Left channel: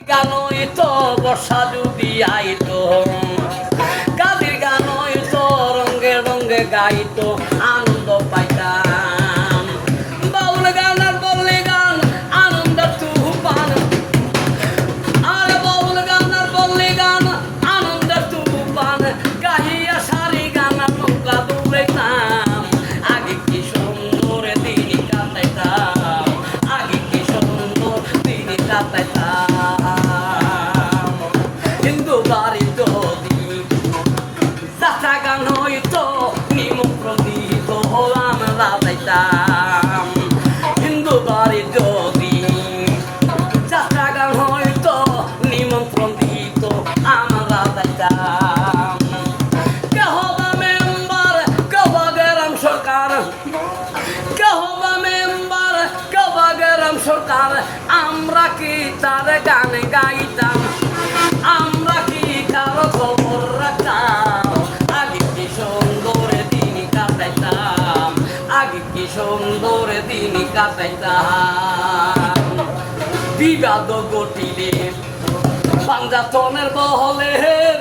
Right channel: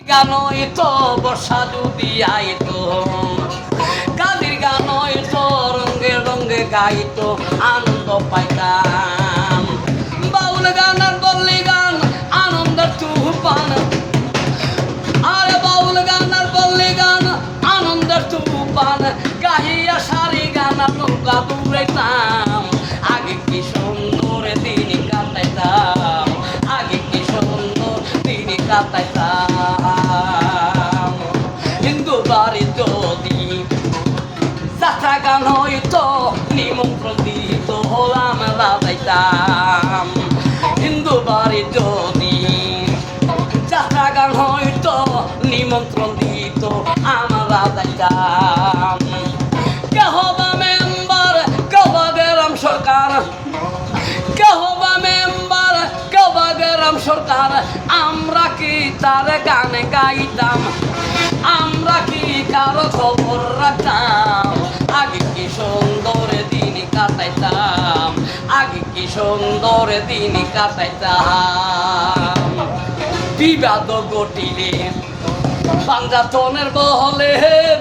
গানই তো বর্ষা যদি আইতো, গানের গানই তো রঙে রঙে গাইতো, আনন্দ পাইতাম। বাউল গান আর বললি গান আনন্দ তুফান, আর বাউল গান আর বললি গান আনন্দ তুফান, গাহিয়া সারি গান নৌকা দৌড়াইতাম। আগে কি সুন্দর দিন কাটাইতাম, আগে কি সুন্দর দিন কাটাইতাম। হিন্দু বাড়ি যদি যাত্রা গান হইতো, নিমন্ত্রণ দিত আমরা যাইতাম। হিন্দু বাড়ি যদি যাত্রা গান হইতো, নিমন্ত্রণ দিত আমরা যাইতাম। কেহ বা মেম্বার, কেহ বা গ্রাম সরকার, কেহ বা মেম্বার, কেহ বা গ্রাম সরকার, আমরা কি তার গান গাইতাম, আমরা কি কারো খবর রাখতাম। আগে কি সুন্দর দিন কাটাইতাম, আগে কি সুন্দর দিন কাটাইতাম। বিবাদ ঘটিলে পাঞ্জাতনের বহলে,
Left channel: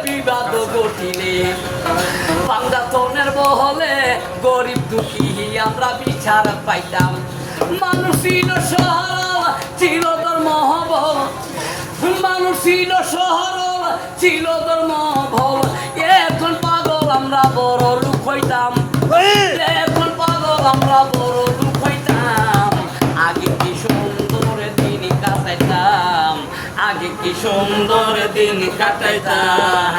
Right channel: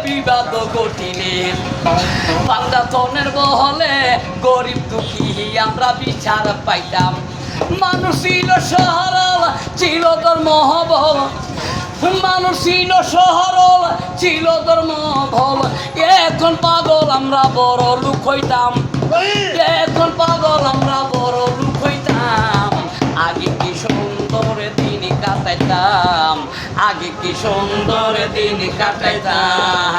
বিবাদ ঘটিলে পাঞ্জাতনের বহলে, গরিব দুঃখী আমরা বিচার পাইতাম। মানুষ ছিল সরল, ছিল ধর্মবল, মানুষ ছিল সরল, ছিল ধর্মবল। এখন পাগল আমরা বড় লোক হইতাম, এখন পাগল আমরা বড় লোক হইতাম। আগে কি সুন্দর দিন কাটাইতাম, আগে কি সুন্দর দিন কাটাইতাম।